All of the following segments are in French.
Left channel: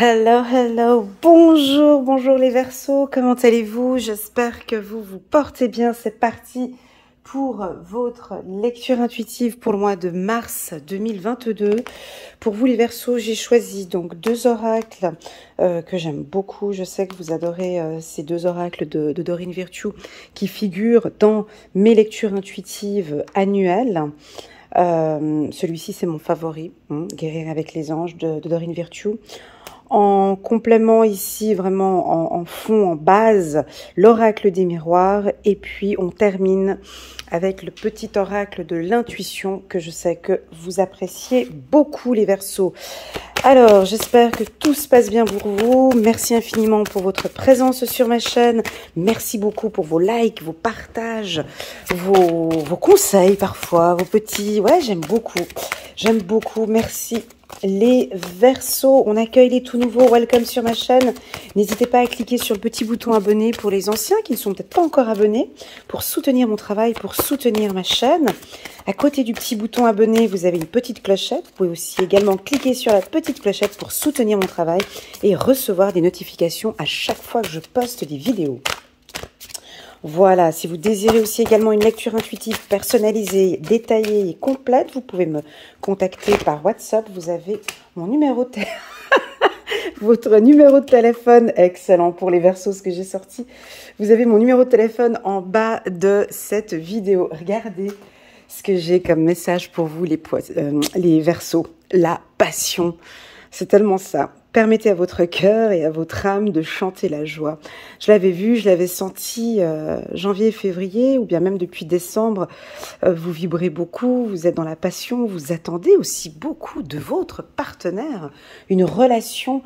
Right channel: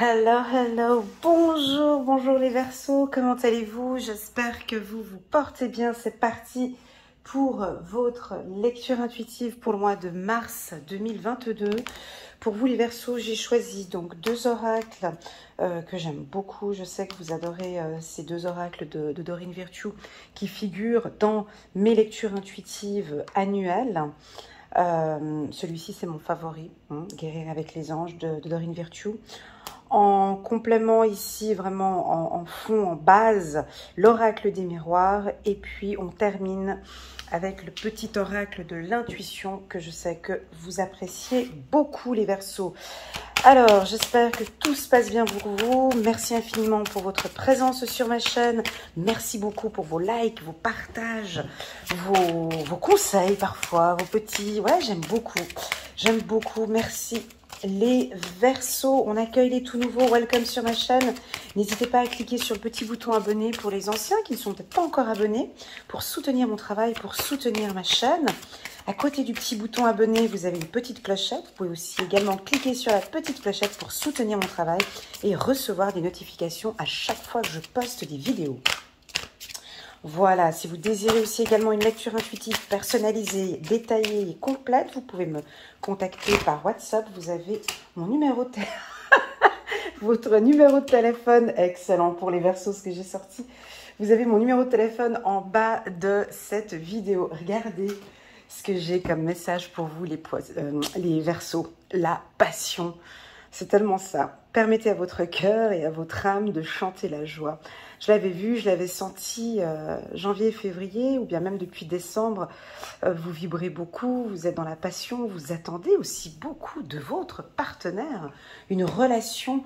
Hello, hello, bonjour, bonjour les Verseaux, comment allez-vous? J'espère que vous vous portez bien. C'est parti pour votre lecture intuitive pour le mois de mars 2022. Pour vous les Verseaux, j'ai choisi donc deux oracles que j'aime beaucoup. Je sais que vous adorez ces deux oracles de Dorine Virtue qui figurent dans mes lectures intuitives annuelles. Celui-ci c'est mon favori, Guérir avec les anges de Dorine Virtue. En complément ici, vraiment en fond, en base, l'oracle des miroirs. Et puis on termine avec le petit oracle de l'intuition que je sais que vous appréciez beaucoup les Verseaux. Alors, j'espère que tout se passe bien pour vous. Merci infiniment pour votre présence sur ma chaîne. Merci beaucoup pour vos likes, vos partages, vos conseils parfois, vos petits... Ouais, j'aime beaucoup. J'aime beaucoup. Merci. Les Verseaux, on accueille les tout nouveaux, welcome sur ma chaîne. N'hésitez pas à cliquer sur le petit bouton abonné pour les anciens qui ne sont peut-être pas encore abonnés, pour soutenir mon travail, pour soutenir ma chaîne. À côté du petit bouton abonné, vous avez une petite clochette. Vous pouvez aussi également cliquer sur la petite clochette pour soutenir mon travail et recevoir des notifications à chaque fois que je poste des vidéos. Voilà, si vous désirez aussi également une lecture intuitive personnalisée, détaillée et complète, vous pouvez me contacter par WhatsApp. Vous avez mon numéro de votre numéro de téléphone, excellent pour les Verseaux ce que j'ai sorti. Vous avez mon numéro de téléphone en bas de cette vidéo. Regardez ce que j'ai comme message pour vous les Verseaux. La passion, c'est tellement ça. Permettez à votre cœur et à votre âme de chanter la joie. Je l'avais vu, je l'avais senti janvier, février, ou bien même depuis décembre. Vous vibrez beaucoup, vous êtes dans la passion, vous attendez aussi beaucoup de votre partenaire. Une relation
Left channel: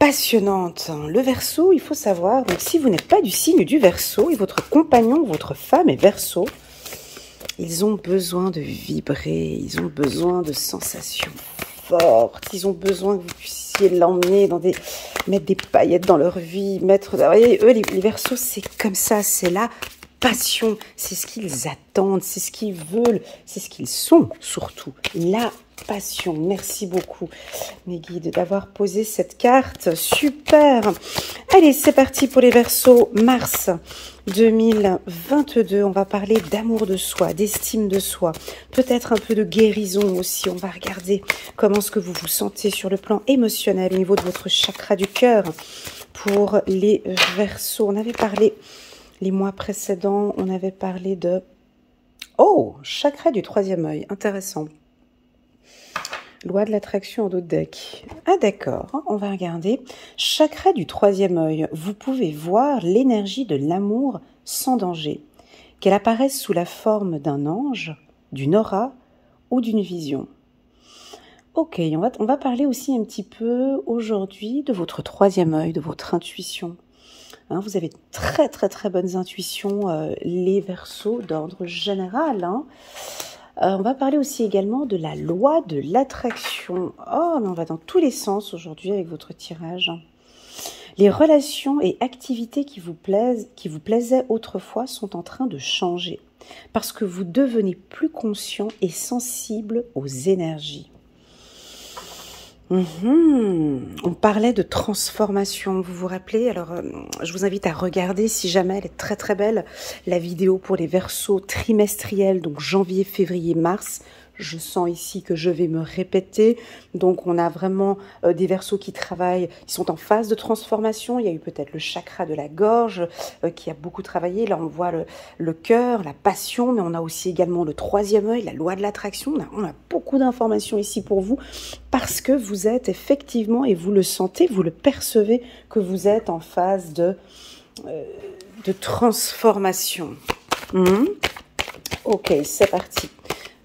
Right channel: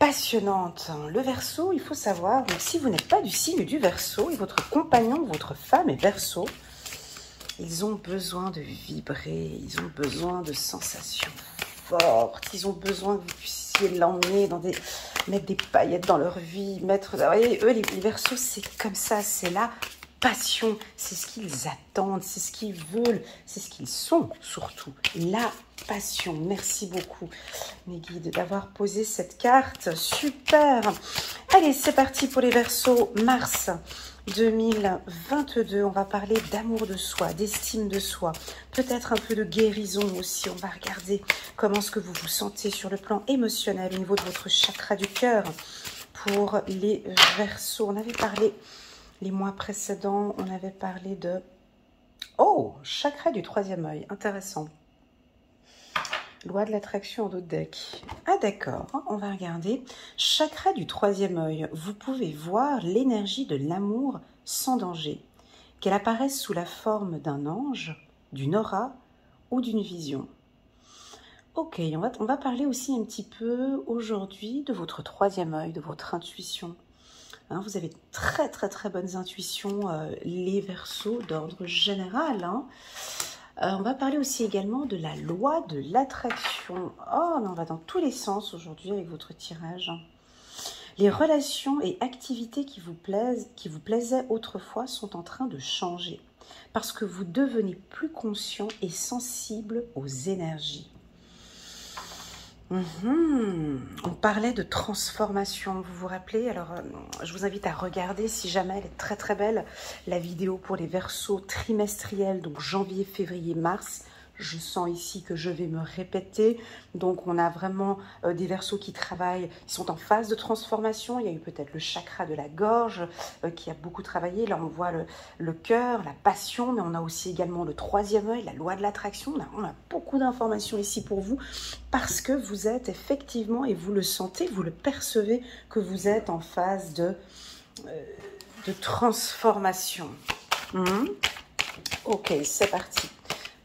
passionnante. Le Verseau, il faut savoir, donc si vous n'êtes pas du signe du Verseau et votre compagnon, votre femme est Verseau, ils ont besoin de vibrer, ils ont besoin de sensations fortes, ils ont besoin que vous puissiez l'emmener dans mettre des paillettes dans leur vie, vous voyez, eux, les Verseaux, c'est comme ça, c'est la passion, c'est ce qu'ils attendent, c'est ce qu'ils veulent, c'est ce qu'ils sont surtout, la passion. Merci beaucoup mes guides d'avoir posé cette carte, super. Allez, c'est parti pour les Verseaux, mars 2022, on va parler d'amour de soi, d'estime de soi, peut-être un peu de guérison aussi. On va regarder comment est-ce que vous vous sentez sur le plan émotionnel au niveau de votre chakra du cœur pour les Verseaux. On avait parlé les mois précédents, on avait parlé de... Oh, chakra du troisième œil, intéressant. Loi de l'attraction en d'autres decks. Ah d'accord, on va regarder. Chakra du troisième œil, vous pouvez voir l'énergie de l'amour sans danger, qu'elle apparaisse sous la forme d'un ange, d'une aura ou d'une vision. Ok, on va parler aussi un petit peu aujourd'hui de votre troisième œil, de votre intuition. Hein, vous avez très très très bonnes intuitions, les Verseaux d'ordre général. On va parler aussi également de la loi de l'attraction. Oh, mais on va dans tous les sens aujourd'hui avec votre tirage. Les relations et activités qui vous plaisaient autrefois sont en train de changer parce que vous devenez plus conscient et sensible aux énergies. On parlait de transformation, vous vous rappelez? Alors, je vous invite à regarder, si jamais elle est très très belle, la vidéo pour les Verseaux trimestriels, donc janvier, février, mars. Je sens ici que je vais me répéter. Donc, on a vraiment des Verseaux qui travaillent, qui sont en phase de transformation. Il y a eu peut-être le chakra de la gorge qui a beaucoup travaillé. Là, on voit le cœur, la passion, mais on a aussi également le troisième œil, la loi de l'attraction. On a beaucoup d'informations ici pour vous parce que vous êtes effectivement, et vous le sentez, vous le percevez, que vous êtes en phase de transformation. Ok, c'est parti.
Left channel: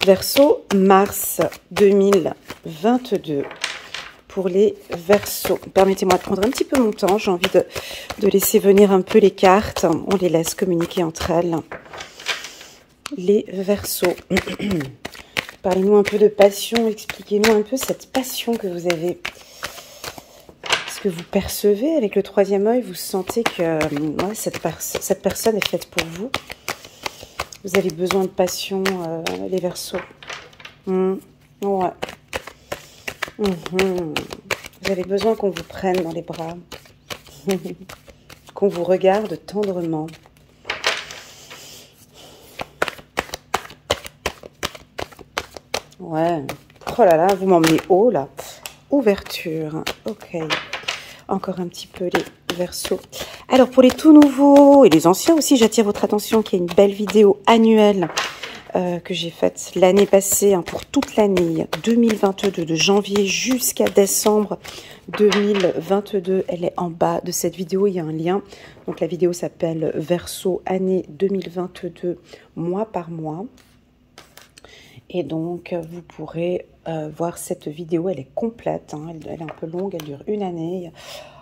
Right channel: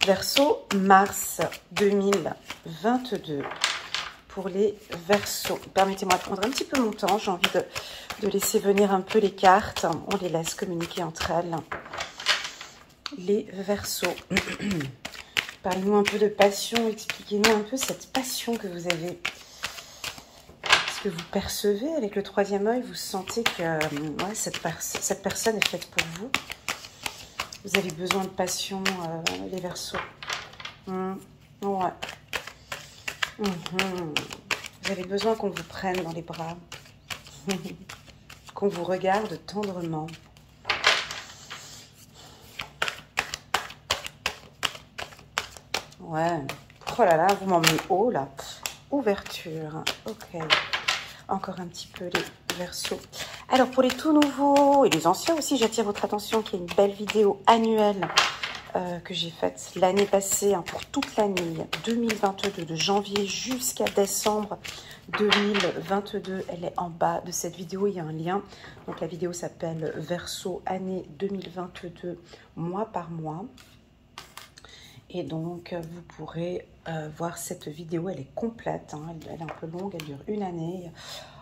Verseau, mars 2022 pour les Verseaux. Permettez-moi de prendre un petit peu mon temps. J'ai envie de laisser venir un peu les cartes. On les laisse communiquer entre elles. Les Verseaux. Parlez-nous un peu de passion. Expliquez-nous un peu cette passion que vous avez. Est-ce que vous percevez avec le troisième œil? Vous sentez que ouais, cette personne est faite pour vous? Vous avez besoin de passion, les Verseaux. Ouais. Vous avez besoin qu'on vous prenne dans les bras, qu'on vous regarde tendrement. Ouais. Oh là là, vous m'emmenez haut là. Ouverture. Ok. Encore un petit peu les Verseaux. Alors pour les tout nouveaux et les anciens aussi, j'attire votre attention qu'il y a une belle vidéo annuelle que j'ai faite l'année passée, hein, pour toute l'année 2022, de janvier jusqu'à décembre 2022. Elle est en bas de cette vidéo, il y a un lien. Donc la vidéo s'appelle Verseau année 2022, mois par mois. Et donc, vous pourrez voir cette vidéo, elle est complète, hein, elle est un peu longue, elle dure une année.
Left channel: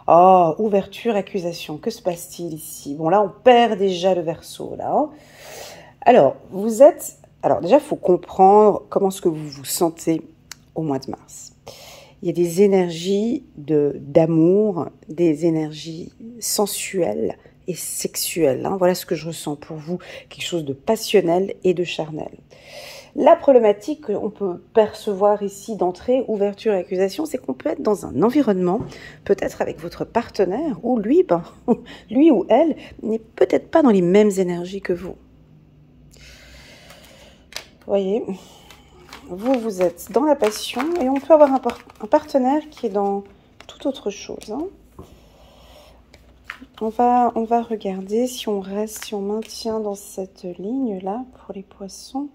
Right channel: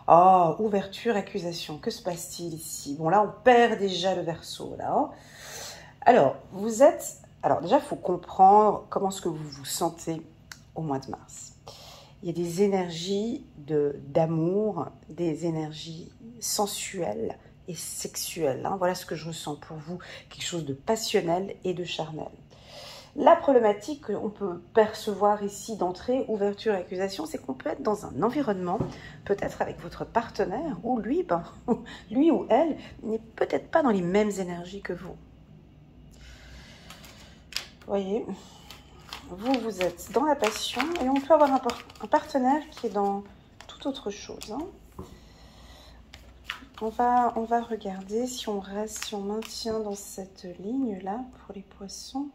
Oh, ouverture, accusation, que se passe-t-il ici? Bon, là, on perd déjà le Verseau, là. Alors, vous êtes... Alors, déjà, il faut comprendre comment est-ce que vous vous sentez au mois de mars. Il y a des énergies d'amour, des énergies sensuelles et sexuelles, hein. Voilà ce que je ressens pour vous, quelque chose de passionnel et de charnel. La problématique qu'on peut percevoir ici d'entrée, ouverture et accusation, c'est qu'on peut être dans un environnement, peut-être avec votre partenaire, où lui, lui ou elle n'est peut-être pas dans les mêmes énergies que vous. Vous voyez, vous êtes dans la passion et on peut avoir un partenaire qui est dans toute autre chose, hein. On va regarder si on reste, si on maintient dans cette ligne-là pour les poissons.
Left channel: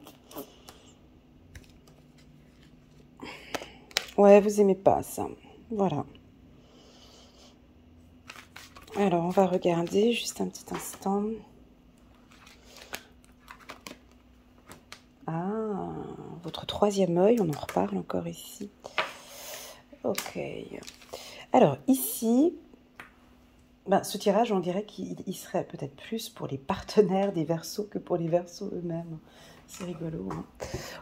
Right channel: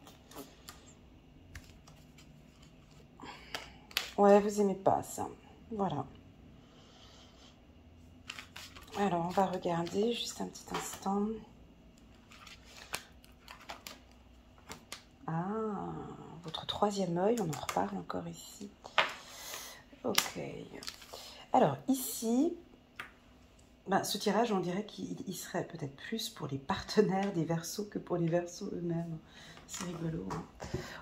Ouais, vous aimez pas ça. Voilà. Alors, on va regarder juste un petit instant. Ah, votre troisième œil, on en reparle encore ici. Ok. Alors, ici, ce tirage, on dirait qu'il serait peut-être plus pour les partenaires des Verseaux que pour les Verseaux eux-mêmes. C'est rigolo, hein.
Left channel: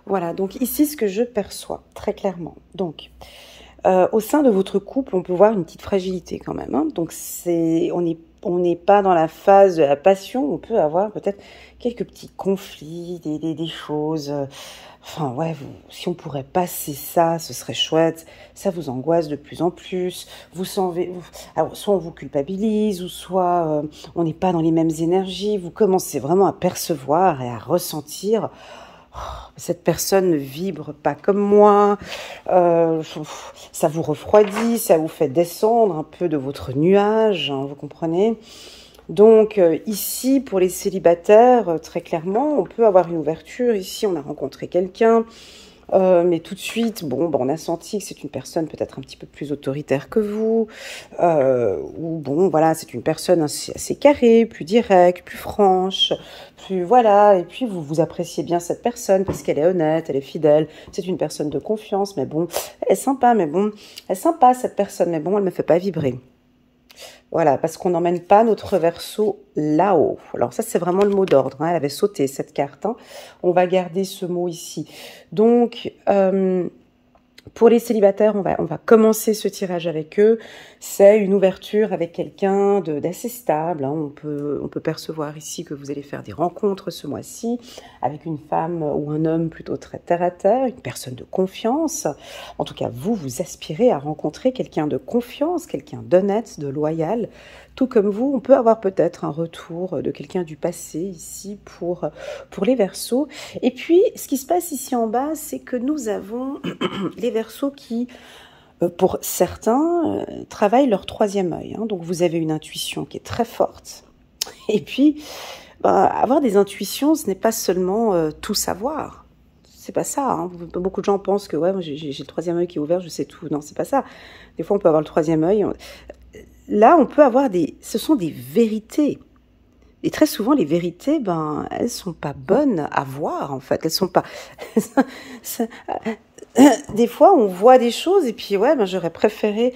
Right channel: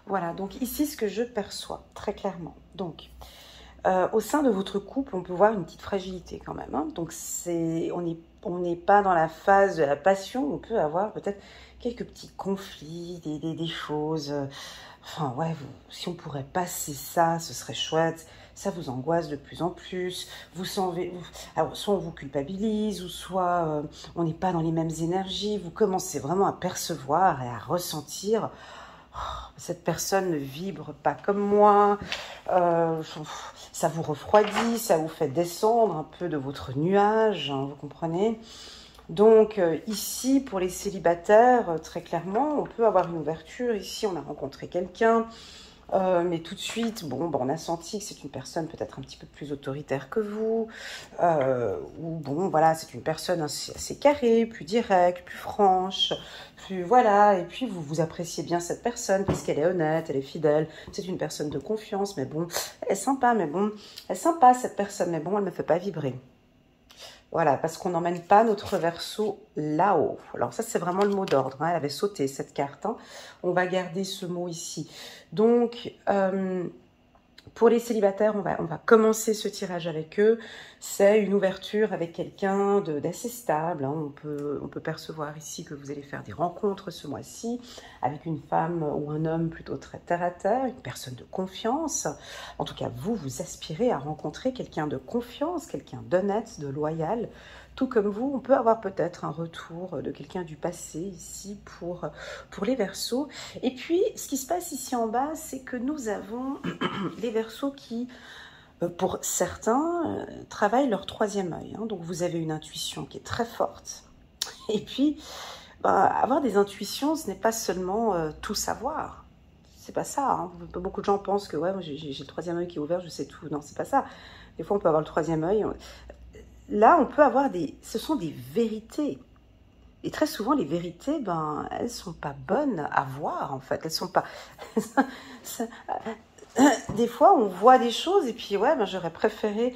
Voilà, donc ici, ce que je perçois, très clairement. Donc, au sein de votre couple, on peut voir une petite fragilité quand même, hein. Donc, on n'est pas dans la phase de la passion. On peut avoir peut-être quelques petits conflits, des choses... Enfin, ouais, si on pourrait passer ça, ce serait chouette. Ça vous angoisse de plus en plus. Alors, soit on vous culpabilise, ou soit on n'est pas dans les mêmes énergies. Vous commencez vraiment à percevoir et à ressentir... cette personne ne vibre pas comme moi, ça vous refroidit, ça vous fait descendre un peu de votre nuage, hein, vous comprenez? Donc ici, pour les célibataires, très clairement, on peut avoir une ouverture. Ici, on a rencontré quelqu'un, mais tout de suite, bon, on a senti que c'est une personne peut-être un petit peu plus autoritaire que vous, ou bon, voilà, c'est une personne assez carrée, plus directe, plus franche, plus, voilà, et puis vous appréciez bien cette personne parce qu'elle est honnête, elle est fidèle, c'est une personne de confiance, mais bon, elle est sympa, mais bon, elle est sympa cette personne, mais bon, elle ne me fait pas vibrer. Voilà, parce qu'on n'emmène pas notre Verseau là-haut. Alors ça, c'est vraiment le mot d'ordre, hein. Elle avait sauté cette carte, hein. On va garder ce mot ici. Donc, pour les célibataires, on va commencer ce tirage avec eux. C'est une ouverture avec quelqu'un d'assez stable, hein. On peut percevoir ici que vous allez faire des rencontres ce mois-ci avec une femme ou un homme plutôt très terre-à-terre, une personne de confiance. En tout cas, vous aspirez à rencontrer quelqu'un de confiance, quelqu'un d'honnête, de loyal. Tout comme vous, on peut avoir peut-être un retour de quelqu'un du passé ici pour les Verseaux. Et puis, ce qui se passe ici en bas, c'est que nous avons les Verseaux qui, pour certains, travaillent leur troisième œil, hein. Donc, vous avez une intuition qui est très forte. Et puis, avoir des intuitions, ce n'est pas seulement tout savoir. C'est pas ça, hein. Beaucoup de gens pensent que ouais, moi j'ai le troisième œil qui est ouvert, je sais tout. Non, c'est pas ça. Des fois, on peut avoir le troisième œil. Là, on peut avoir ce sont des vérités. Et très souvent, les vérités, elles sont pas bonnes à voir, en fait. Elles sont pas... Des fois, on voit des choses et puis, ouais, j'aurais préféré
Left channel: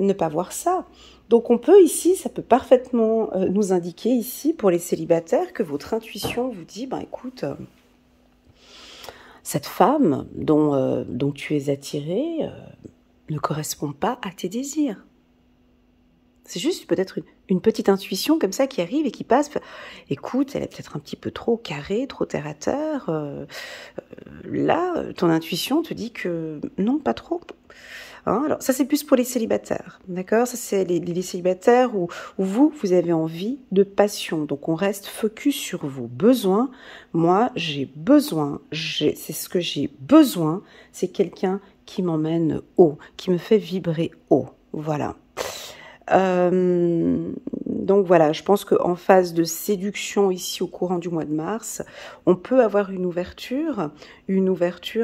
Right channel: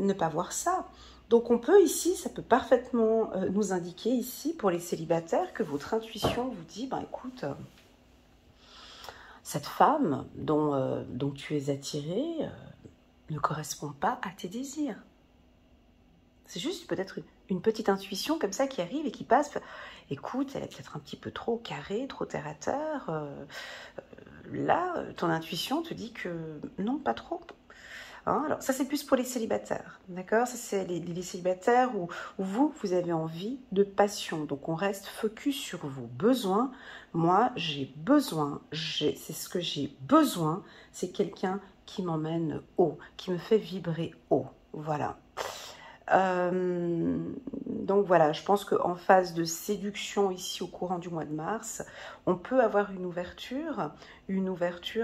ne pas voir ça. Donc, on peut ici, ça peut parfaitement nous indiquer ici, pour les célibataires, que votre intuition vous dit, écoute, cette femme dont tu es attiré ne correspond pas à tes désirs. C'est juste peut-être une petite intuition comme ça qui arrive et qui passe. Écoute, elle est peut-être un petit peu trop carrée, trop terre-à-terre. Là, ton intuition te dit que non, pas trop. Hein. Alors ça c'est plus pour les célibataires, d'accord? Ça c'est les célibataires où vous avez envie de passion. Donc on reste focus sur vos besoins. Moi j'ai besoin, c'est ce que j'ai besoin, c'est quelqu'un qui m'emmène haut, qui me fait vibrer haut. Voilà. Donc voilà, je pense qu'en phase de séduction ici au courant du mois de mars, on peut avoir une ouverture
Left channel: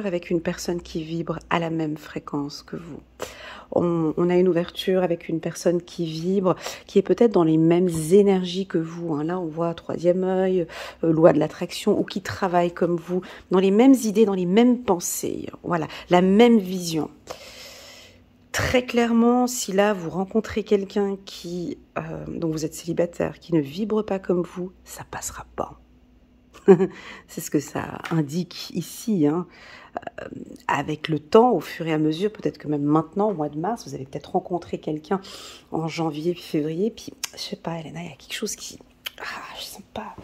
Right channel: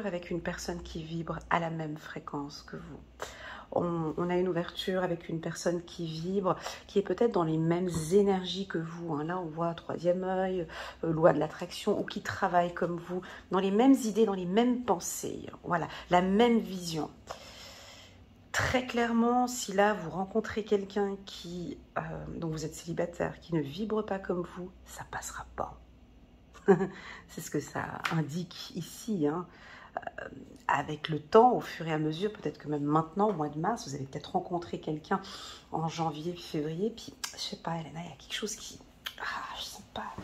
avec une personne qui vibre à la même fréquence que vous. On a une ouverture avec une personne qui vibre, qui est peut-être dans les mêmes énergies que vous. Hein. Là, on voit troisième œil, loi de l'attraction, ou qui travaille comme vous, dans les mêmes idées, dans les mêmes pensées. Voilà, la même vision. Très clairement, si là vous rencontrez quelqu'un qui, dont vous êtes célibataire, qui ne vibre pas comme vous, ça passera pas. C'est ce que ça indique ici. Hein. Avec le temps, au fur et à mesure, peut-être que même maintenant, au mois de mars, vous allez peut-être rencontrer quelqu'un en janvier, février, puis je sais pas, Elena, il y a quelque chose qui... Ah, je sens pas...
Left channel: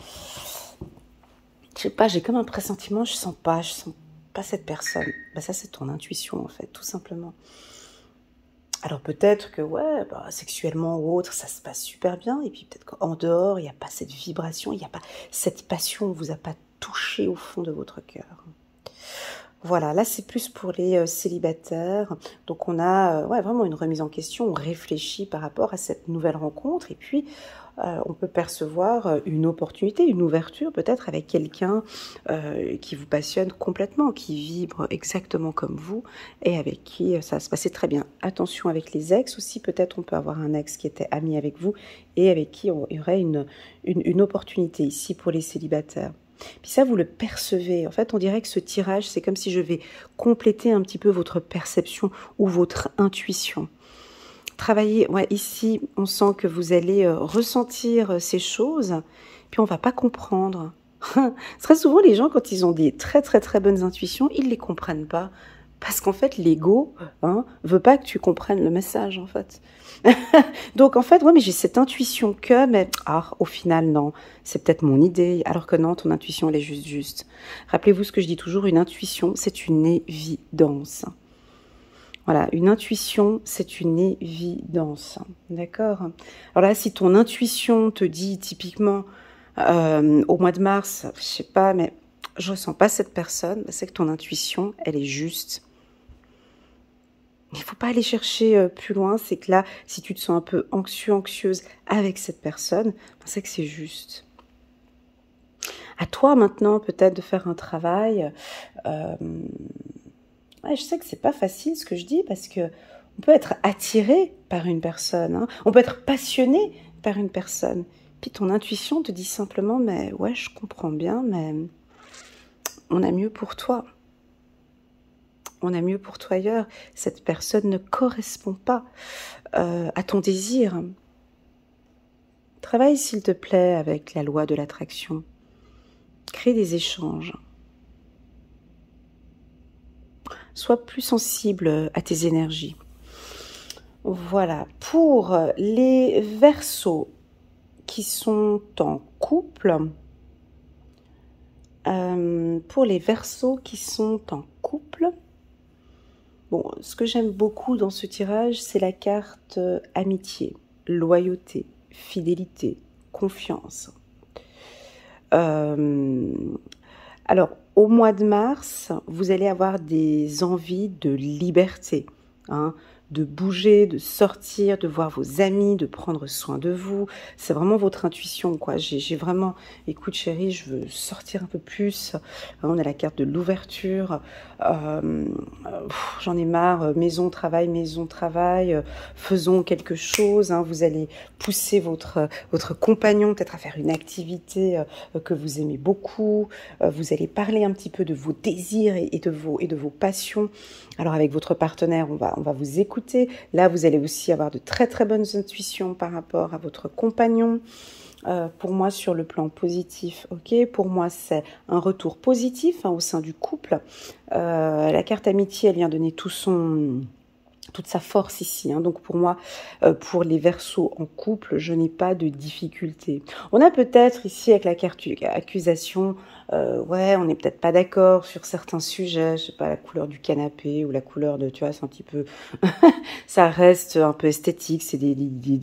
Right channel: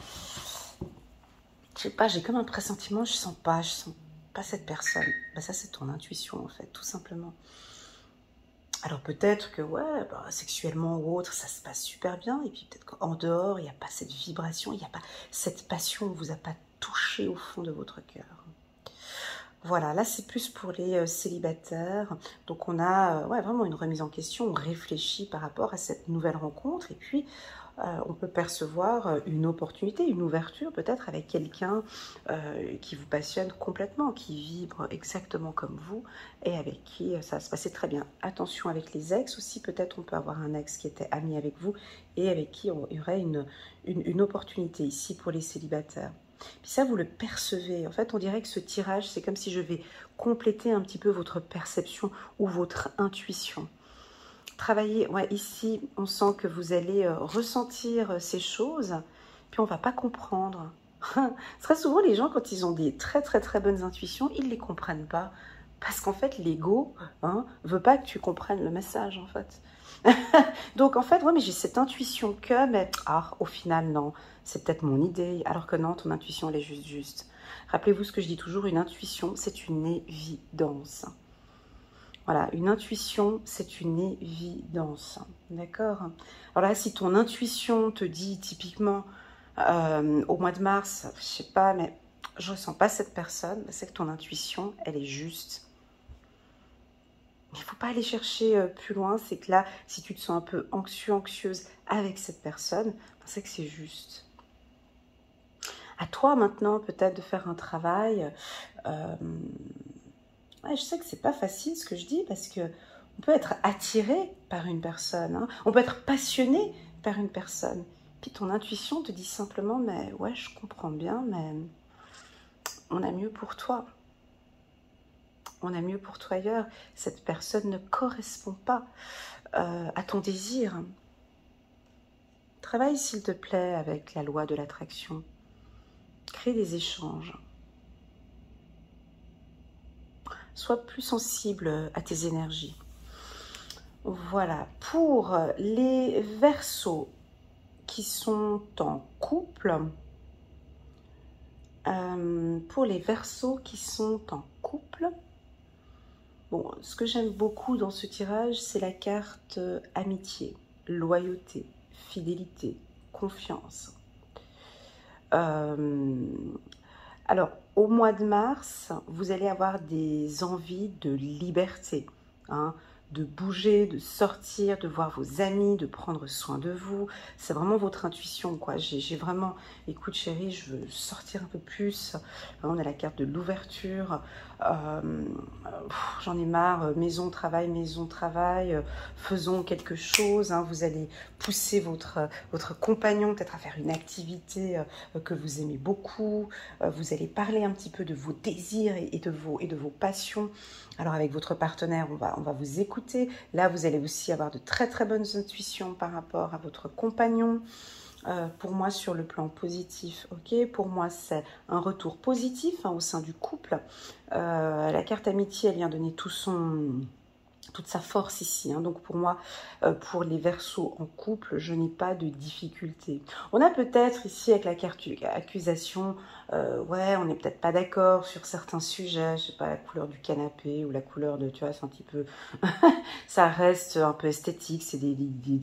Je sais pas, j'ai comme un pressentiment, je sens pas cette personne. Bah, ça, c'est ton intuition, en fait, tout simplement. Alors peut-être que, ouais, bah, sexuellement ou autre, ça se passe super bien, et puis peut-être qu'en dehors, il n'y a pas cette vibration, il n'y a pas cette passion, ne vous a pas touché au fond de votre cœur. Voilà, là c'est plus pour les célibataires, donc on a ouais, vraiment une remise en question, on réfléchit par rapport à cette nouvelle rencontre, et puis on peut percevoir une opportunité, une ouverture peut-être avec quelqu'un qui vous passionne complètement, qui vibre exactement comme vous et avec qui ça va se passer très bien. Attention avec les ex aussi, peut-être on peut avoir un ex qui était ami avec vous et avec qui il y aurait une opportunité ici pour les célibataires. Puis ça, vous le percevez. En fait, on dirait que ce tirage, c'est comme si je vais compléter un petit peu votre perception ou votre intuition. Travailler, ouais, ici, on sent que vous allez ressentir ces choses, puis on ne va pas comprendre. Très souvent, les gens, quand ils ont des très très très bonnes intuitions, ils ne les comprennent pas. Parce qu'en fait, l'ego veut pas que tu comprennes le message, en fait. Donc, en fait, ouais, mais j'ai cette intuition que, mais au final, non, c'est peut-être mon idée, alors que non, ton intuition, elle est juste. Rappelez-vous ce que je dis toujours, une intuition, c'est une évidence. Voilà, une intuition, c'est une évidence, d'accord? Alors là, si ton intuition te dit typiquement au mois de mars, je sais pas, mais je ressens pas cette personne, c'est que ton intuition, elle est juste. Il ne faut pas aller chercher plus loin, c'est que là, si tu te sens un peu anxieux, anxieuse avec cette personne, c'est que c'est juste. À toi maintenant, peut-être de faire un travail. Ouais, je sais que c'est pas facile ce que je dis parce que on peut être attiré par une personne, hein. On peut être passionné par une personne. Puis ton intuition te dit simplement, mais ouais, je comprends bien, mais on a mieux pour toi. On a mieux pour toi ailleurs. Cette personne ne correspond pas à ton désir. Travaille, s'il te plaît, avec la loi de l'attraction. Crée des échanges. Sois plus sensible à tes énergies. Voilà. Pour les Verseaux qui sont en couple, bon, ce que j'aime beaucoup dans ce tirage, c'est la carte amitié, loyauté, fidélité, confiance. Alors, au mois de mars, vous allez avoir des envies de liberté, hein, de bouger, de sortir, de voir vos amis, de prendre soin de vous. C'est vraiment votre intuition, quoi. J'ai vraiment, écoute chérie, je veux sortir un peu plus. On a la carte de l'ouverture. J'en ai marre, maison, travail, faisons quelque chose. Hein. Vous allez pousser votre compagnon peut-être à faire une activité que vous aimez beaucoup. Vous allez parler un petit peu de vos désirs et de vos passions. Alors avec votre partenaire, on va vous écouter. Là, vous allez aussi avoir de très très bonnes intuitions par rapport à votre compagnon. Pour moi, sur le plan positif, ok. Pour moi, c'est un retour positif au sein du couple. La carte amitié, elle vient donner tout son toute sa force ici. Hein. Donc pour moi, pour les Verseaux en couple, je n'ai pas de difficulté. On a peut-être ici avec la carte accusation, ouais, on n'est peut-être pas d'accord sur certains sujets, je sais pas, la couleur du canapé ou la couleur de, tu vois, c'est un petit peu, ça reste un peu esthétique, c'est des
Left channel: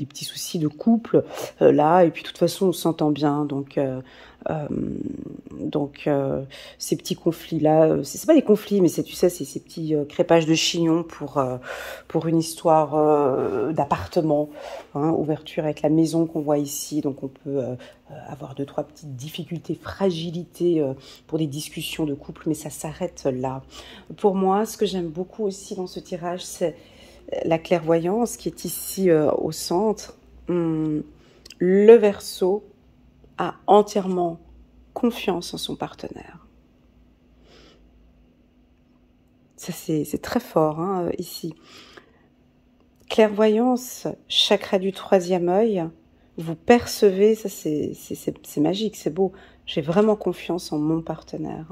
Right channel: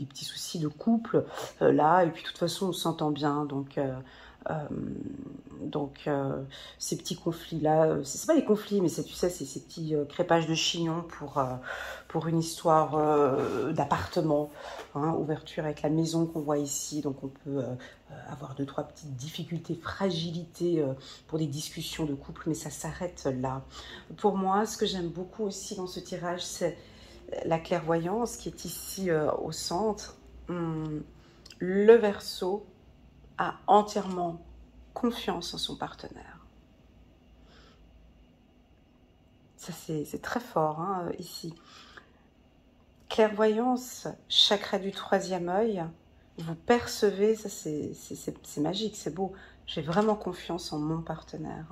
petits soucis de couple là, et puis de toute façon on s'entend bien, ces petits conflits-là, c'est pas des conflits, mais c'est, tu sais, c'est ces petits crépages de chignon pour une histoire d'appartement, hein, ouverture avec la maison qu'on voit ici, donc on peut avoir 2-3 petites difficultés, fragilités pour des discussions de couple, mais ça s'arrête là. Pour moi, ce que j'aime beaucoup aussi dans ce tirage, c'est la clairvoyance qui est ici au centre. Le Verseau a entièrement confiance en son partenaire. Ça, c'est très fort, hein, ici. Clairvoyance, chakra du 3e œil, vous percevez, ça c'est magique, c'est beau. J'ai vraiment confiance en mon partenaire.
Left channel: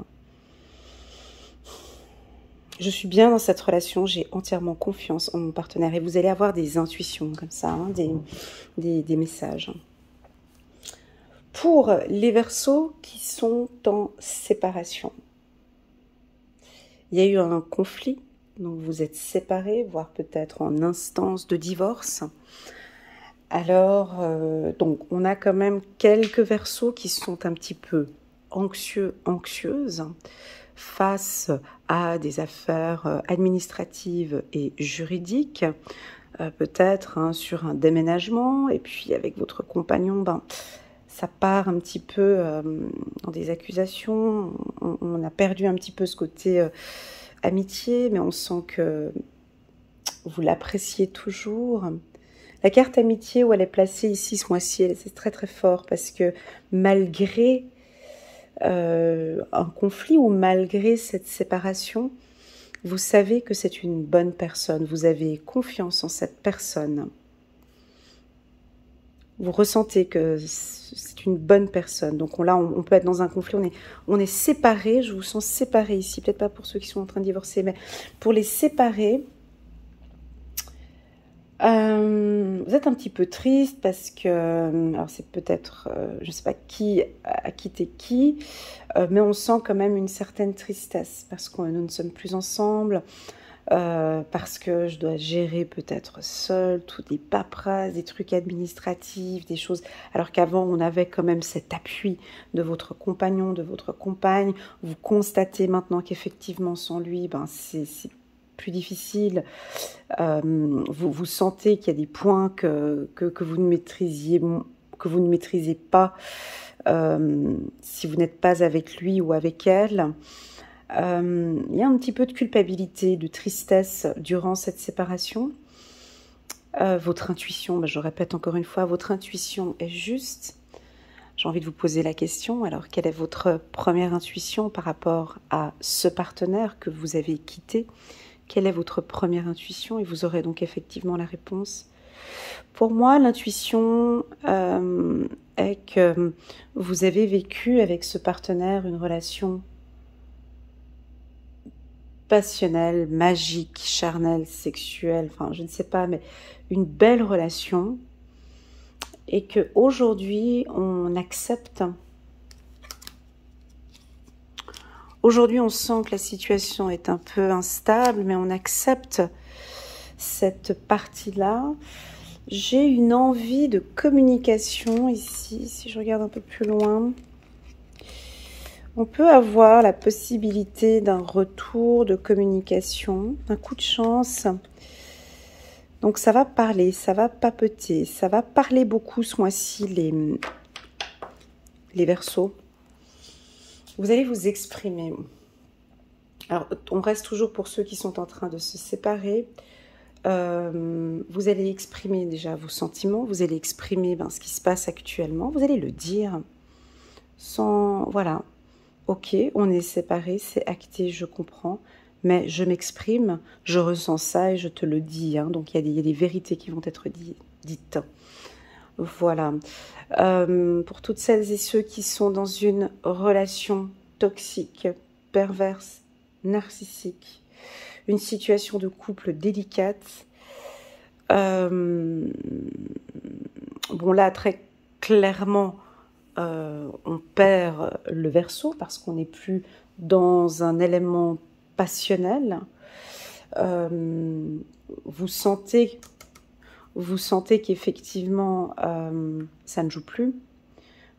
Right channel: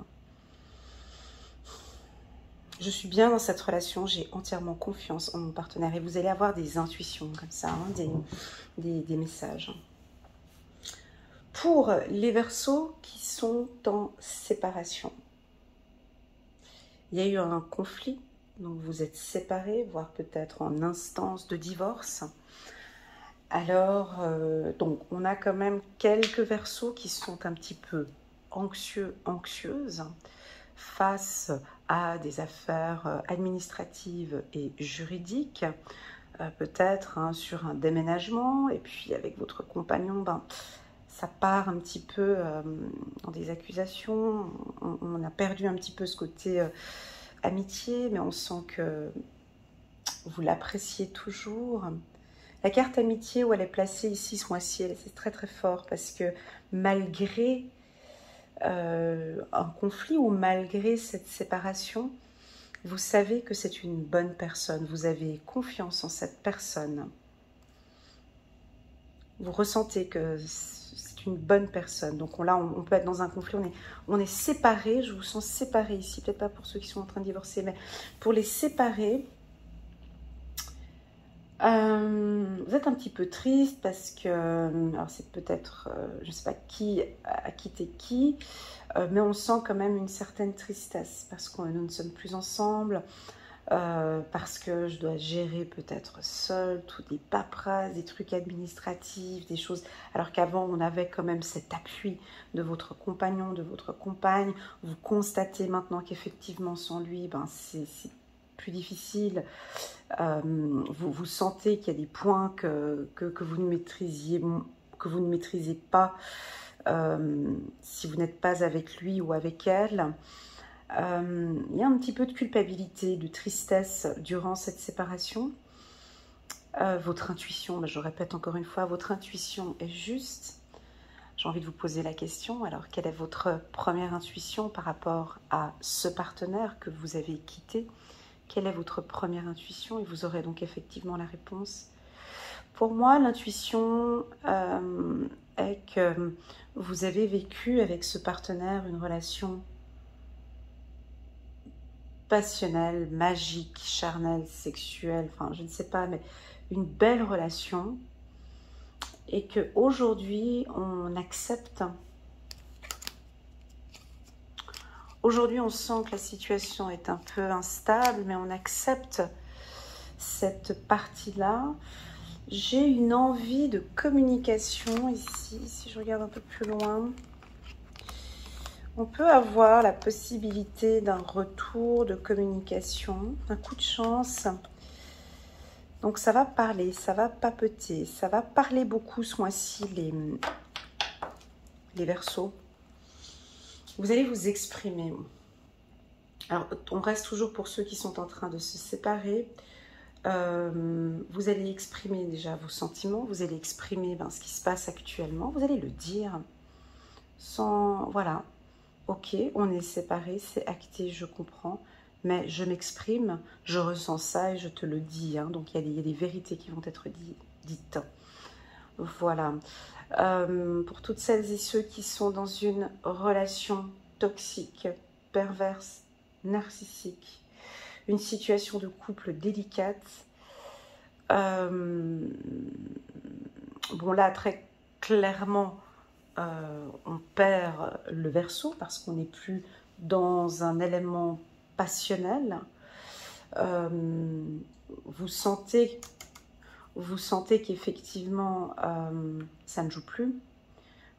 Je suis bien dans cette relation, j'ai entièrement confiance en mon partenaire. Et vous allez avoir des intuitions comme ça, hein, des messages. Pour les Verseaux qui sont en séparation, il y a eu un conflit, donc vous êtes séparés, voire peut-être en instance de divorce. Alors, donc on a quand même quelques Verseaux qui sont un petit peu anxieux, anxieuses face à des affaires administratives et juridiques, peut-être hein, sur un déménagement, et puis avec votre compagnon, ben, ça part un petit peu dans des accusations, on a perdu un petit peu ce côté amitié, mais on sent que vous l'appréciez toujours. La carte amitié où elle est placée ici ce mois-ci, c'est très très fort parce que malgré un conflit ou malgré cette séparation, vous savez que c'est une bonne personne, vous avez confiance en cette personne. Vous ressentez que c'est une bonne personne. Donc là, on peut être dans un conflit, on est séparés, je vous sens séparés ici, peut-être pas pour ceux qui sont en train de divorcer, mais pour les séparer, vous êtes un petit peu triste parce que, alors c'est peut-être, je ne sais pas qui a quitté qui, mais on sent quand même une certaine tristesse parce que nous ne sommes plus ensemble, parce que je dois gérer peut-être seule toutes les paperasses, des trucs administratifs, des choses, alors qu'avant on avait quand même cet appui de votre compagnon, de votre compagne. Vous constatez maintenant qu'effectivement sans lui, ben c'est plus difficile. Vous sentez qu'il y a des points que vous ne maîtrisez pas si vous n'êtes pas avec lui ou avec elle. Il y a un petit peu de culpabilité, de tristesse durant cette séparation. Votre intuition, ben je répète encore une fois, votre intuition est juste. J'ai envie de vous poser la question, alors quelle est votre première intuition par rapport à ce partenaire que vous avez quitté? Quelle est votre première intuition? Et vous aurez donc effectivement la réponse. Pour moi, l'intuition est que vous avez vécu avec ce partenaire une relation passionnelle, magique, charnelle, sexuelle, enfin je ne sais pas, mais une belle relation. Et qu'aujourd'hui, on accepte. Aujourd'hui, on sent que la situation est un peu instable, mais on accepte cette partie-là. J'ai une envie de communication ici, si je regarde un peu plus loin. On peut avoir la possibilité d'un retour de communication, un coup de chance. Donc ça va parler, ça va papeter, ça va parler beaucoup ce mois-ci, les Verseaux. Vous allez vous exprimer. Alors, on reste toujours pour ceux qui sont en train de se séparer. Vous allez exprimer déjà vos sentiments, vous allez exprimer ce qui se passe actuellement, vous allez le dire sans, voilà, ok, on est séparés, c'est acté, je comprends, mais je m'exprime, je ressens ça et je te le dis, hein, donc il y a des vérités qui vont être dites. Voilà. Pour toutes celles et ceux qui sont dans une relation toxique, perverse, narcissique, une situation de couple délicate, Bon, là, très clairement, on perd le Verseau parce qu'on n'est plus dans un élément passionnel. Vous sentez qu'effectivement, ça ne joue plus.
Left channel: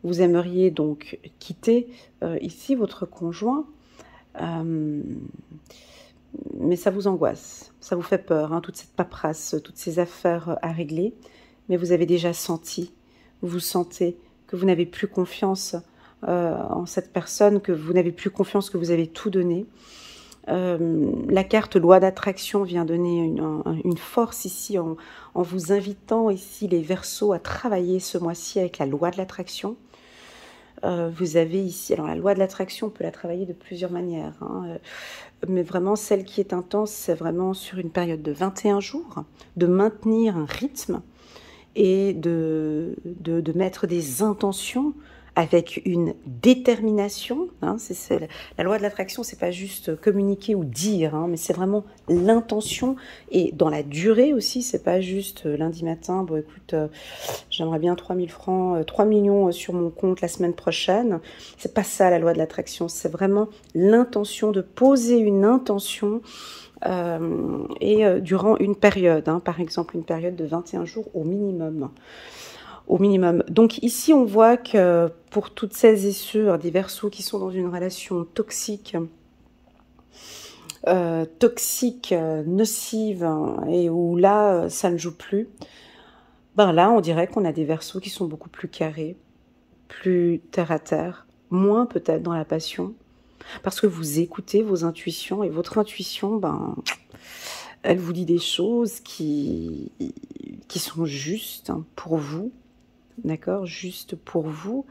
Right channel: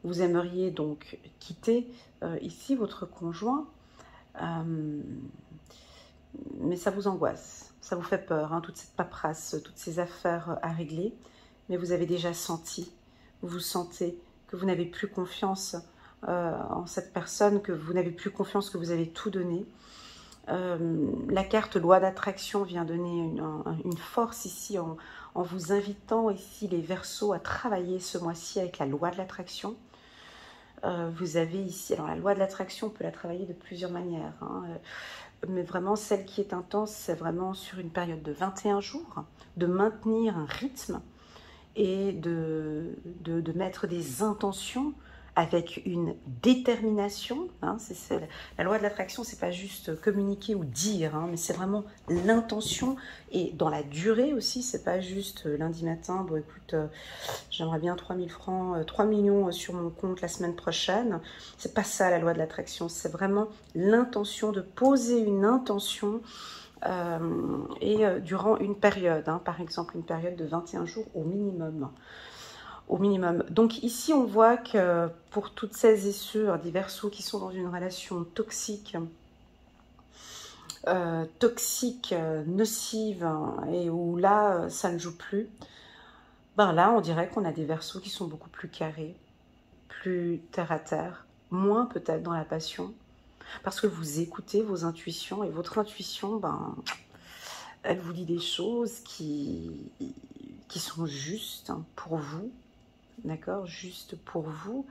Vous aimeriez donc quitter ici votre conjoint, mais ça vous angoisse, ça vous fait peur, hein, toute cette paperasse, toutes ces affaires à régler. Mais vous avez déjà senti, vous sentez que vous n'avez plus confiance en cette personne, que vous n'avez plus confiance, que vous avez tout donné. La carte loi d'attraction vient donner une force ici en vous invitant ici les Verseaux à travailler ce mois-ci avec la loi de l'attraction. Vous avez ici, alors la loi de l'attraction, on peut la travailler de plusieurs manières, hein, mais vraiment celle qui est intense, c'est vraiment sur une période de 21 jours, de maintenir un rythme et de mettre des intentions avec une détermination. Hein, la loi de l'attraction, c'est pas juste communiquer ou dire, hein, mais c'est vraiment l'intention. Et dans la durée aussi, c'est pas juste lundi matin, bon écoute, j'aimerais bien 3000 francs, 3 millions sur mon compte la semaine prochaine. C'est pas ça la loi de l'attraction, c'est vraiment l'intention de poser une intention durant une période, hein, par exemple une période de 21 jours au minimum. Au minimum. Donc ici, on voit que pour toutes celles et ceux des Verseaux qui sont dans une relation toxique, nocive, et où là, ça ne joue plus, ben là, on dirait qu'on a des Verseaux qui sont beaucoup plus carrés, plus terre à terre, moins peut-être dans la passion, parce que vous écoutez vos intuitions, et votre intuition, ben, elle vous dit des choses qui sont justes pour vous. D'accord, juste pour vous.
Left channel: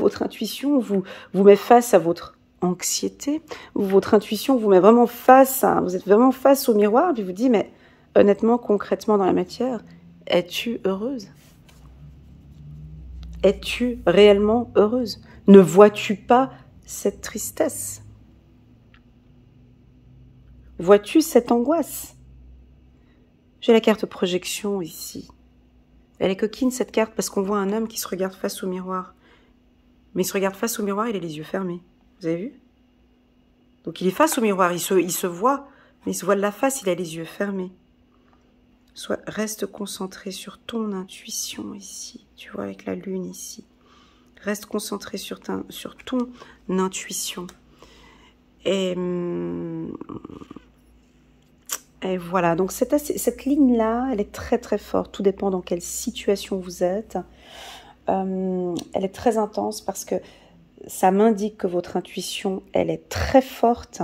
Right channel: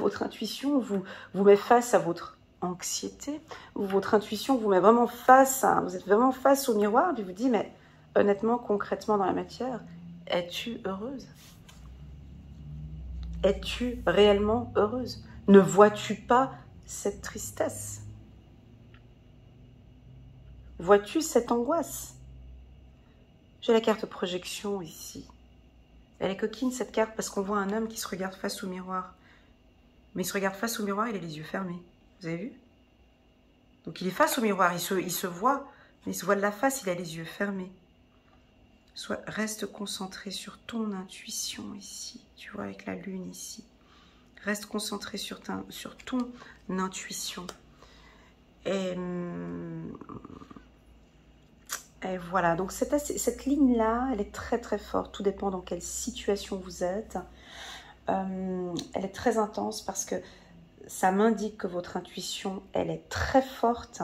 Votre intuition vous met face à votre anxiété. Votre intuition vous met vraiment face vous êtes vraiment face au miroir, puis vous dit, mais honnêtement, concrètement dans la matière, es-tu heureuse? Es-tu réellement heureuse? Ne vois-tu pas cette tristesse? Vois-tu cette angoisse? J'ai la carte projection ici. Elle est coquine cette carte parce qu'on voit un homme qui se regarde face au miroir. Mais il se regarde face au miroir, il a les yeux fermés. Vous avez vu? Donc il est face au miroir, il se voit, mais il se voit de la face, il a les yeux fermés. Reste concentré sur ton intuition ici, tu vois, avec la lune ici. Reste concentré sur ton intuition. Et voilà, donc cette ligne-là, elle est très très forte. Tout dépend dans quelle situation vous êtes. Elle est très intense parce que ça m'indique que votre intuition, elle est très forte.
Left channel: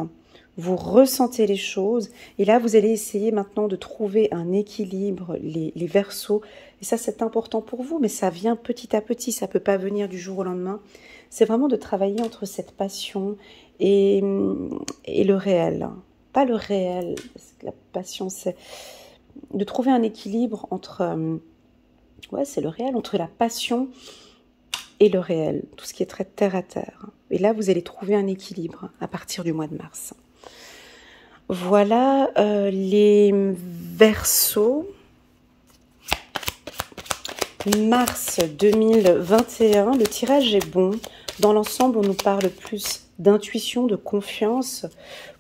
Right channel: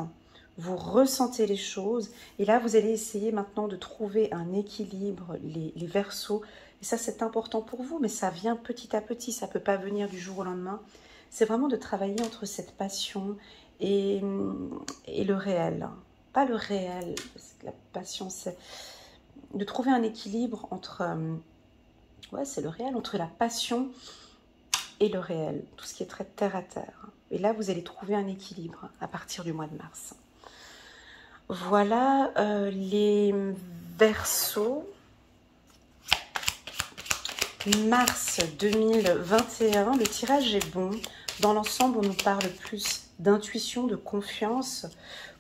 Vous ressentez les choses. Et là, vous allez essayer maintenant de trouver un équilibre, les Verseaux. Et ça, c'est important pour vous, mais ça vient petit à petit. Ça ne peut pas venir du jour au lendemain. C'est vraiment de travailler entre cette passion et le réel. Pas le réel, parce que la passion, c'est de trouver un équilibre entre, ouais, c'est le réel, entre la passion et le réel, tout ce qui est très terre à terre. Et là, vous allez trouver un équilibre à partir du mois de mars. Voilà les Verseaux. Mars 2021, le tirage est bon. Dans l'ensemble, on nous parle plus d'intuition, de confiance.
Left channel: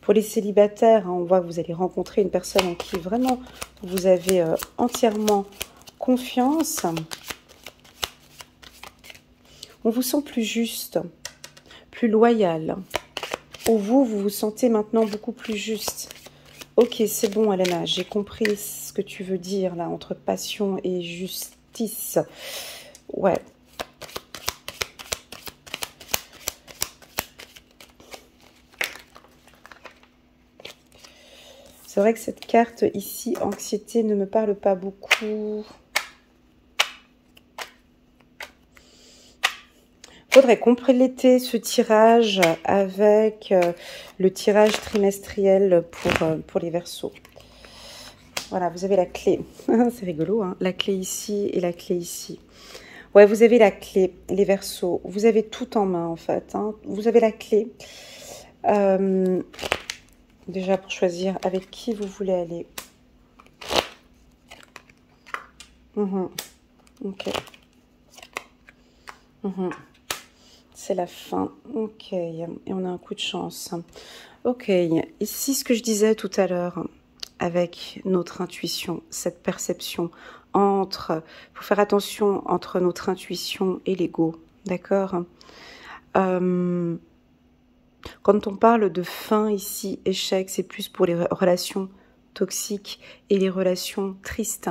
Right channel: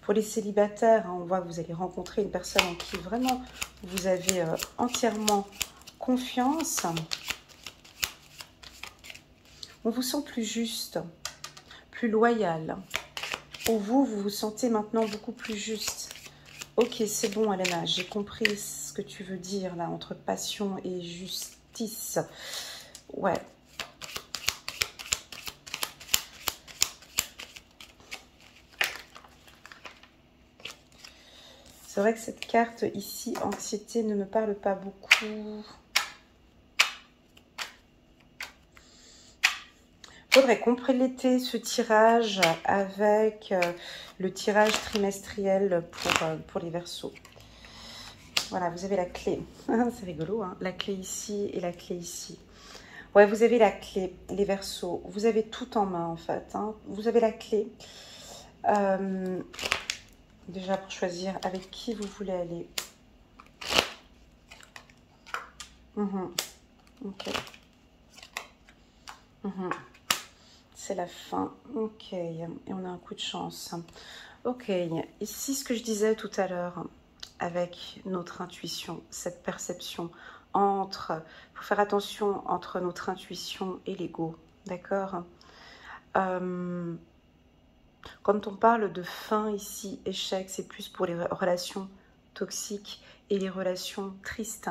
Pour les célibataires, hein, on voit que vous allez rencontrer une personne en qui vraiment vous avez entièrement confiance. On vous sent plus juste, plus loyal. Pour vous, vous vous sentez maintenant beaucoup plus juste. Ok, c'est bon, Elena, j'ai compris ce que tu veux dire là, entre passion et justice. Ouais. C'est vrai que cette carte ici, anxiété, ne me parle pas beaucoup. Il faudrait compléter ce tirage avec le tirage trimestriel pour les Verseaux. Voilà, vous avez la clé. C'est rigolo, hein, la clé ici et la clé ici. Ouais, vous avez la clé, les Verseaux. Vous avez tout en main, en fait. Hein. Vous avez la clé. Déjà, pour choisir avec qui vous voulez aller. Ok. C'est la fin. Ok. Et on a un coup de chance. Ok. Ici, ce que je disais tout à l'heure, avec notre intuition, cette perception entre... Il faut faire attention entre notre intuition et l'ego. D'accord? Quand on parle de fin ici, échec, c'est plus pour les relations toxiques et les relations tristes.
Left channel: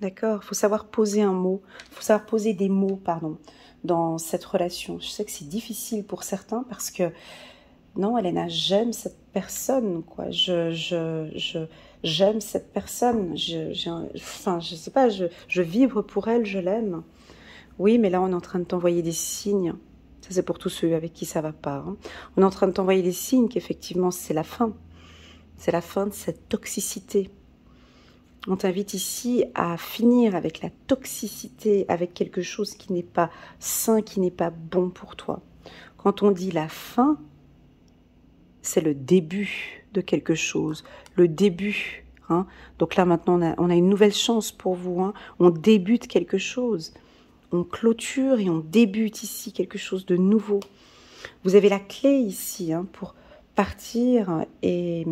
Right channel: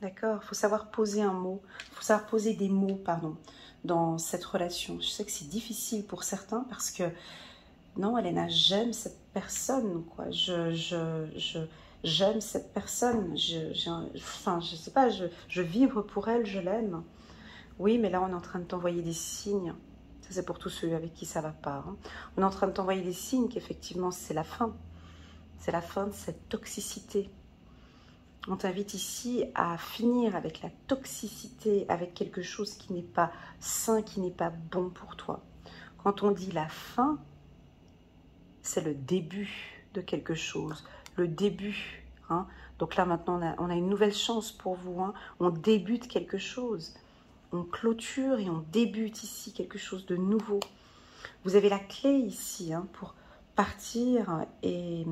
D'accord? Il faut savoir poser un mot, il faut savoir poser des mots, pardon, dans cette relation. Je sais que c'est difficile pour certains parce que, non, Elena, j'aime cette personne, quoi. J'aime cette personne. Enfin, je sais pas, je vibre pour elle, je l'aime. Oui, mais là, on est en train de t'envoyer des signes. Ça, c'est pour tous ceux avec qui ça va pas. Hein. On est en train de t'envoyer des signes qu'effectivement, c'est la fin. C'est la fin de cette toxicité. On t'invite ici à finir avec la toxicité, avec quelque chose qui n'est pas sain, qui n'est pas bon pour toi. Quand on dit la fin, c'est le début de quelque chose, le début. Hein. Donc là, maintenant, on a une nouvelle chance pour vous. Hein. On débute quelque chose. On clôture et on débute ici quelque chose de nouveau. Vous avez la clé ici hein, pour partir et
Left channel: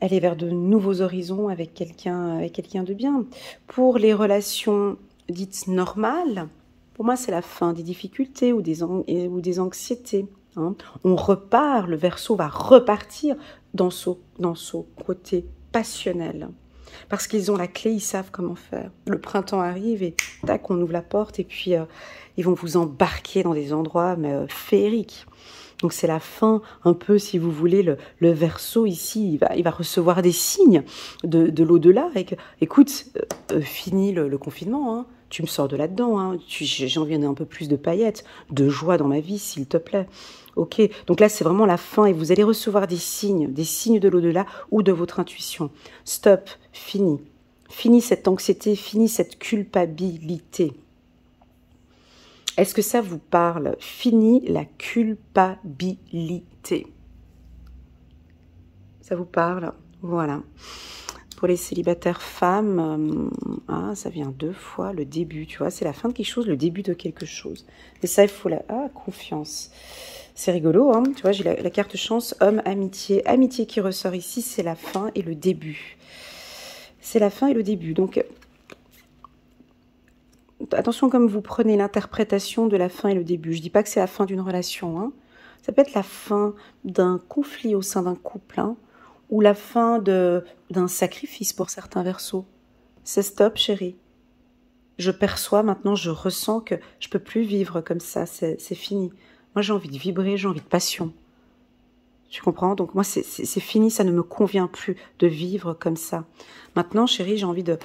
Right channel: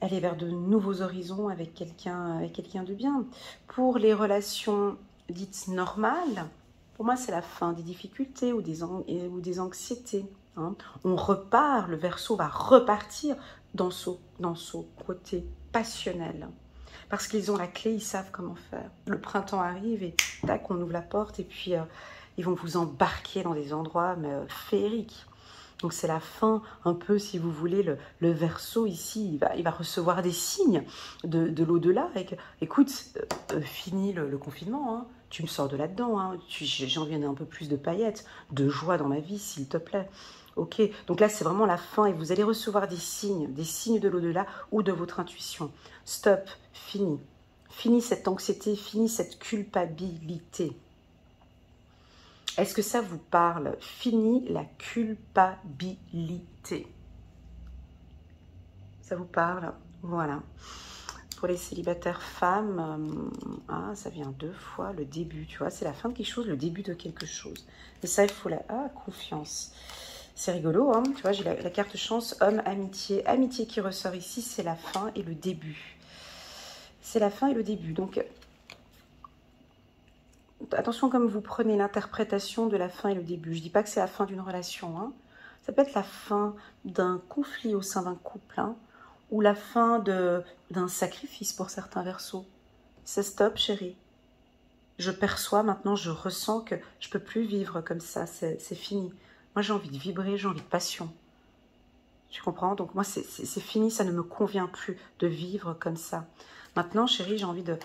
aller vers de nouveaux horizons avec quelqu'un de bien. Pour les relations dites normales, pour moi c'est la fin des difficultés ou des anxiétés. Hein. On repart, le Verseau va repartir dans son côté passionnel. Parce qu'ils ont la clé, ils savent comment faire. Le printemps arrive et tac, on ouvre la porte et puis ils vont vous embarquer dans des endroits féeriques. Donc c'est la fin, un peu si vous voulez, le Verseau ici, il va recevoir des signes de l'au-delà. Écoute, fini le confinement, hein, tu me sors de là-dedans, hein, j'ai envie d'un peu plus de paillettes, de joie dans ma vie, s'il te plaît. Ok, donc là c'est vraiment la fin et vous allez recevoir des signes de l'au-delà ou de votre intuition. Stop, fini. Fini cette anxiété, fini cette culpabilité. Est-ce que ça vous parle? Fini la culpabilité. Ça vous parle? Voilà. Pour les célibataires femmes, ça vient 2 fois, le début, tu vois, c'est la fin de quelque chose, le début de quelque chose. Et ça, il faut la confiance. C'est rigolo, hein, tu vois, j'ai la carte chance, homme, amitié. Amitié qui ressort ici, c'est la fin et le début. C'est la fin et le début. Donc, attention comme vous prenez l'interprétation de la fin et le début. Je ne dis pas que c'est la fin d'une relation. Hein. Ça peut être la fin d'un conflit au sein d'un couple. Hein, ou la fin d'un sacrifice pour certains Verseaux. C'est stop, chérie. Je perçois maintenant, je ressens que je ne peux plus vivre comme ça. C'est fini. Moi, j'ai envie de vibrer, j'ai envie de passion. Tu comprends? Donc moi, c'est fini, ça ne me convient plus de vivre comme ça. Maintenant, chérie, j'ai envie de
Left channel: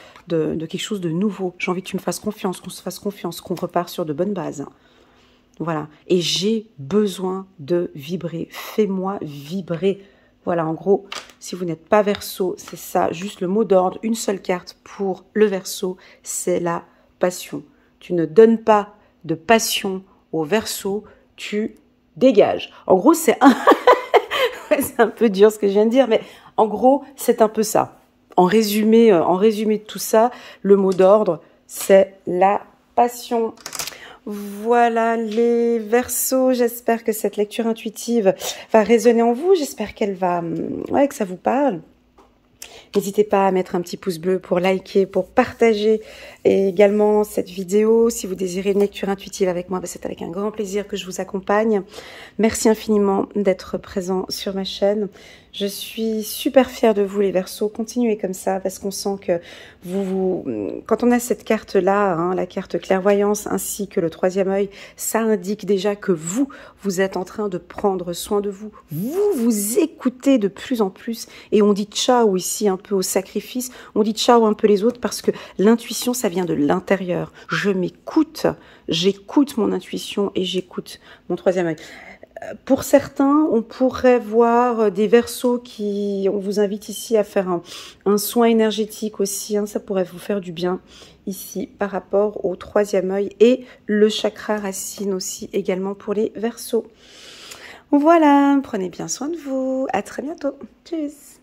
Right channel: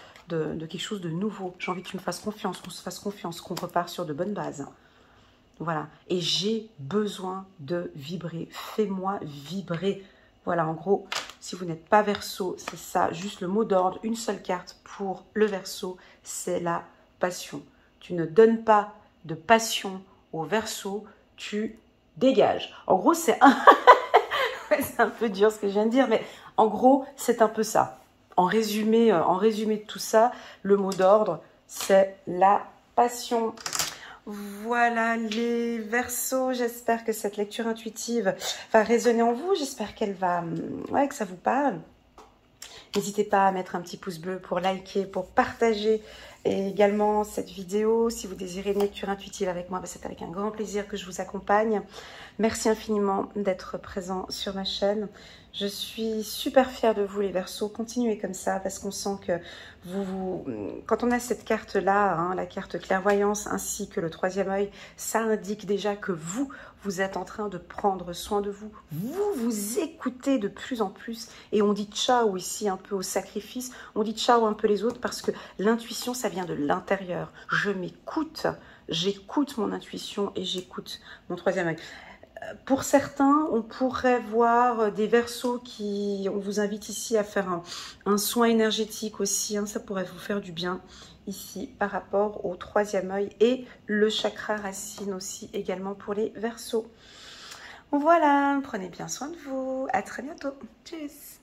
quelque chose de nouveau. J'ai envie que tu me fasses confiance, qu'on se fasse confiance, qu'on repart sur de bonnes bases. Voilà. Et j'ai besoin de vibrer. Fais-moi vibrer. Voilà, en gros, si vous n'êtes pas Verseau, c'est ça. Juste le mot d'ordre, une seule carte pour le Verseau, c'est la passion. Tu ne donnes pas de passion au Verseau, tu dégages. En gros, c'est un peu dur ce que je viens de dire, mais en gros, c'est un peu ça. En résumé de tout ça, le mot d'ordre, c'est la passion. Voilà les Verseaux, j'espère que cette lecture intuitive va résonner en vous, j'espère qu'elle va, que ça vous parle. N'hésitez pas à mettre un petit pouce bleu pour liker, pour partager et également cette vidéo. Si vous désirez une lecture intuitive avec moi, c'est avec un grand plaisir que je vous accompagne. Merci infiniment d'être présent sur ma chaîne. Je suis super fière de vous les Verseaux. Continuez comme ça parce qu'on sent que quand on a cette carte-là, hein, la carte clairvoyance ainsi que le 3e œil, ça indique déjà que vous êtes en train de prendre soin de vous. Vous écoutez de plus en plus et on dit ciao ici un peu au sacrifice. On dit ciao un peu les autres parce que l'intuition, ça vient de l'intérieur. Je m'écoute, j'écoute mon intuition et j'écoute mon 3e œil. Pour certains, on pourrait voir des Verseaux on vous invite ici à faire un soin énergétique aussi, hein, ça pourrait vous faire du bien ici par rapport au 3e œil et le chakra racine aussi également pour les Verseaux. Voilà, prenez bien soin de vous, à très bientôt, tchuss.